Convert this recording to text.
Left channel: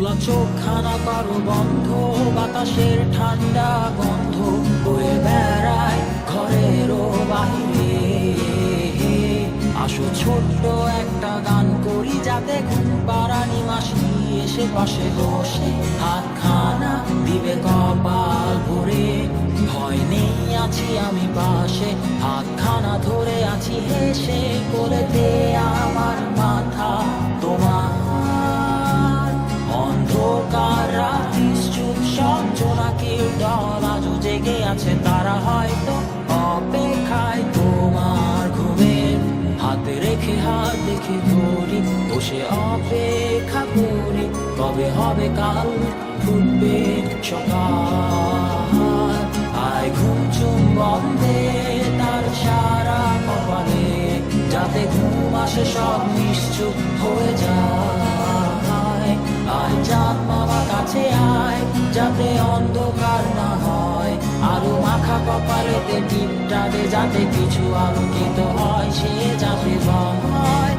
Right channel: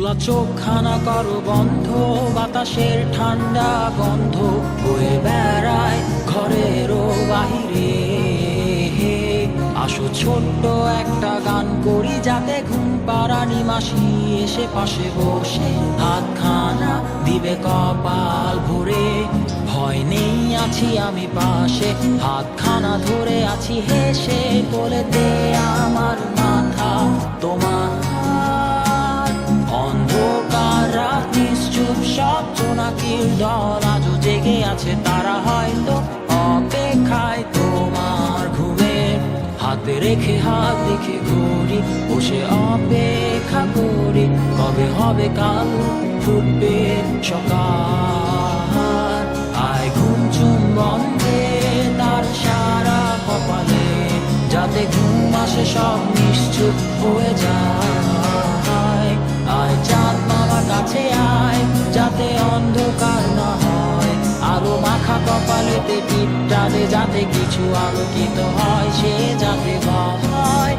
খোলা চোখখানা করো বন্ধ, বাতাসের ঠান্ডা গন্ধ বয়ে বেড়ায় ঘরেরও বাহিরে। আসো ছোট্ট একটা গান করি, যাতে ঘুম পাড়ানি মাসি এসে পাশে বসে হাতখানা দিবে কপাল ভরে। ভয় নেই, আছি আমি পাশে, হাতখানা ধরে আছি হেসে, কোলেতে আমার মাথা তোমার। অন্ধকার রাতি চুপ, সব জোনাকির দল আজও জেগে আছে, তারা হয়তো অপেক্ষায় তোমার ঘুমের। হাতে রেখে হাত দেখে ঘড়ি, বসে অপেক্ষা করি, কবে হবে কাল, ফুটবে সকাল। আয় ঘুম চুম বন্ধে তার সারা কপালে, যাতে ঘুম আসে সব নিশ্চুপ হয়ে যায়। আয় চাঁদ মামা কাছে আয়, যাতে অন্ধকার না হয়, আলো মাখা কপালেতে টিপটা দে, যাতে কিছু আলোকিত হয়, সে যাতে ভয়